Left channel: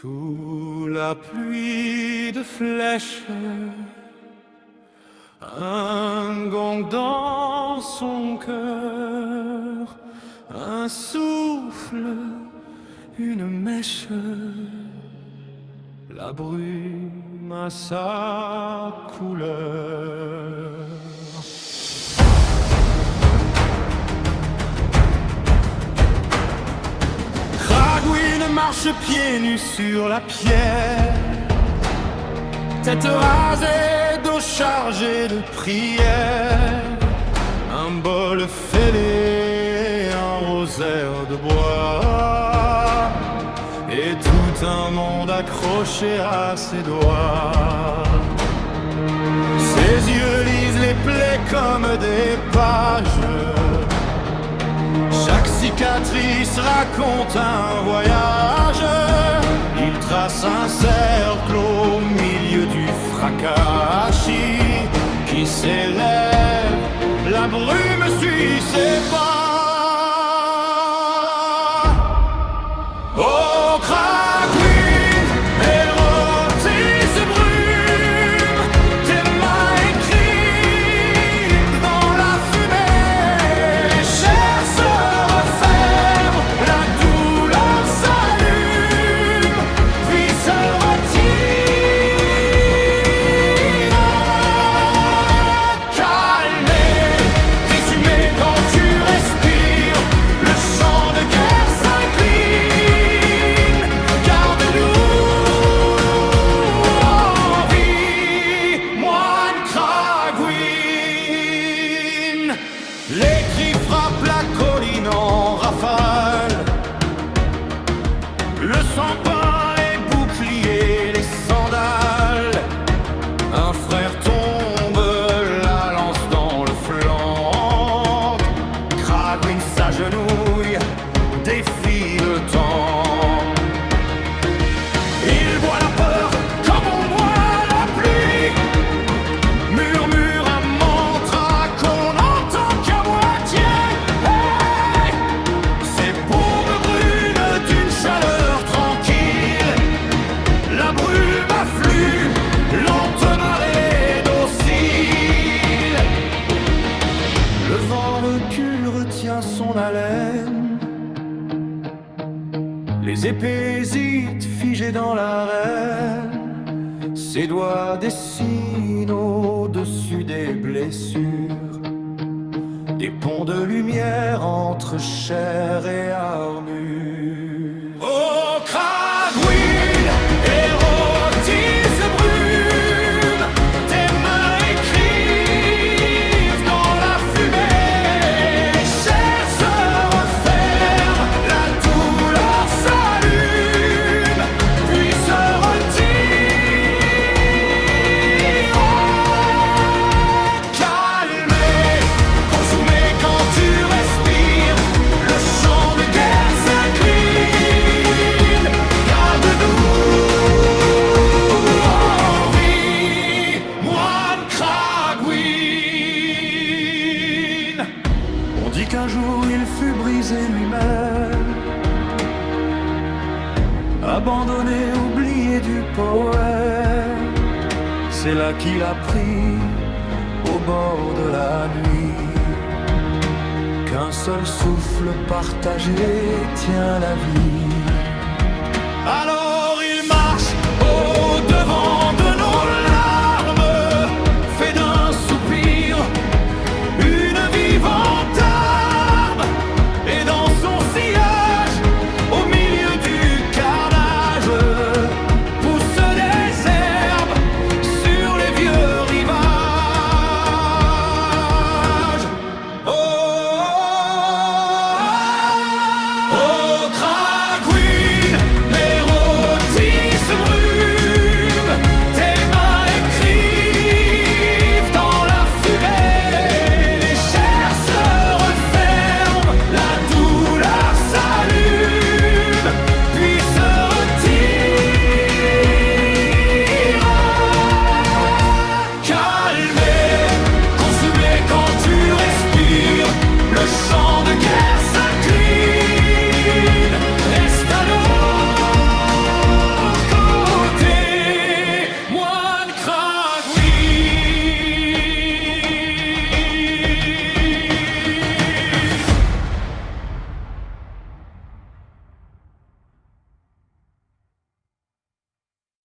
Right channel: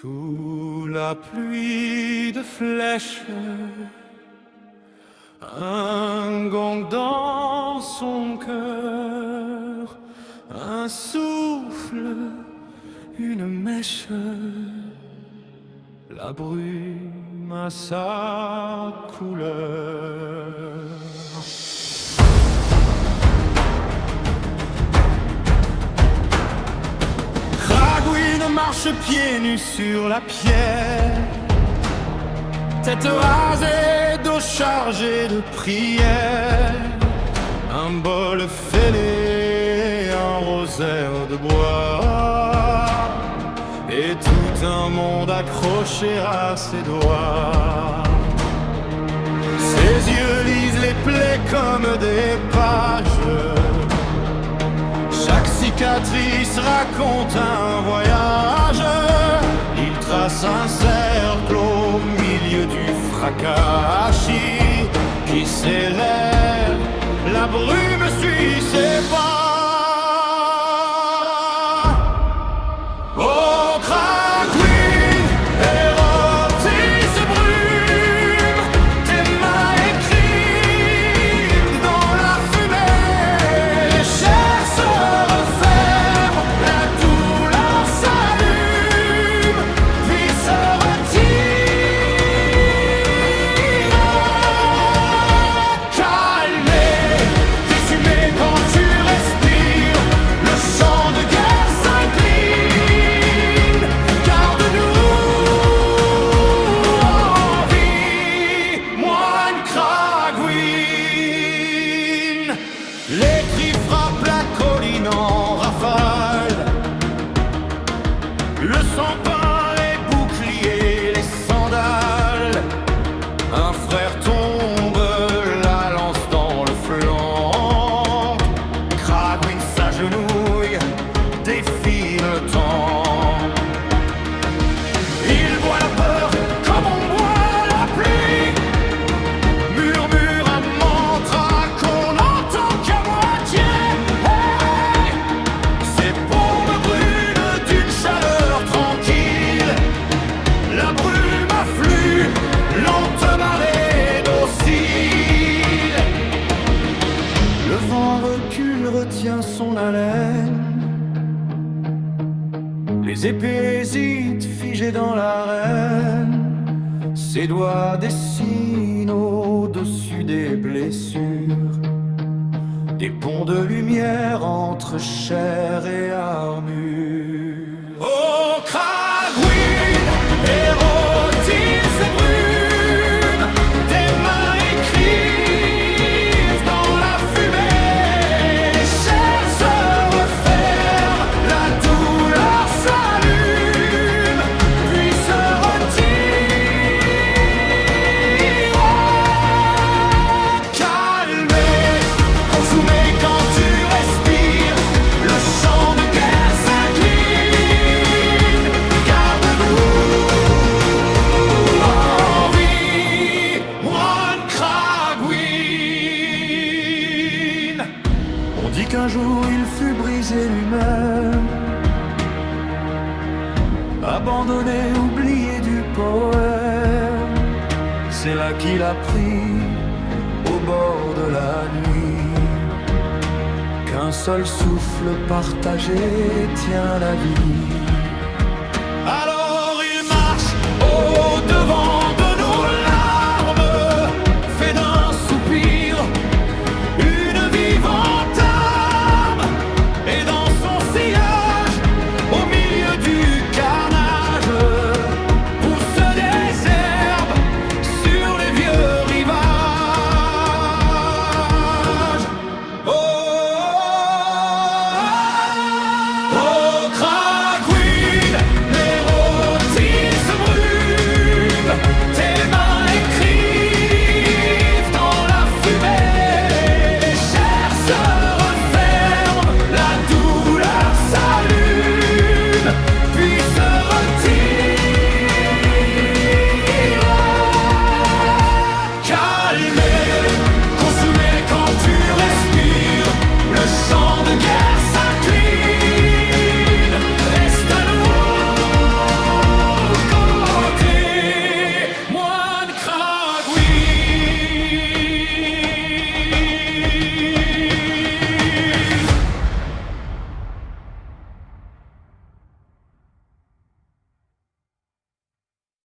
Sous la pluie de flèches, un gong dans son cœur, un souffle, une mèche, la brume a sa couleur. Cragouine marche pieds nus sur la pierre, tête rasée, dos chargé de prières, un bol fêlé, un rosaire de bois, et tout un monde accroché à ses doigts. Ses yeux lisent les plaies comme des pages, chaque cicatrice raconte un voyage. Il trace un cercle au milieu du fracas qui s'élève, la brume suit ses pas. Oh, Cragouine, érotise brume, tes mains écrivent dans la fumée. Les chairs se referment, la douleur s'allume, puis se retire. Calmé, résumé quand tu respires, le chant de guerre s'incline. Garde-nous en vie, moine Cragouine. Les cris frappent la colline en rafale, le sang peint les boucliers, les sandales. Un frère tombe, la lance dans le flanc. Cragouine s'agenouille, défie le temps. Il boit la peur comme on boit la pluie, murmure un mantra qu'on n'entend qu'à moitié. Hey, ses paumes brûlent d'une chaleur tranquille, la brume afflue, lente marée docile. Le vent recule, retient son haleine, les épées hésitent, figées dans l'arène. Ses doigts dessinent au-dessus des blessures des ponts de lumière entre chair et armure. Oh, Cragouine, érotise brume, tes mains écrivent dans la fumée. Les chairs se referment, la douleur s'allume, puis se retire. Calmé, consumé quand tu respires, le chant de guerre s'incline. Garde-nous en vie, moine Cragouine. On dit qu'un jour il fut brisé lui-même, abandonné, oublié du poème. C'est là qu'il a pris, au bord de la nuit, qu'un seul souffle partagé tient la vie. Alors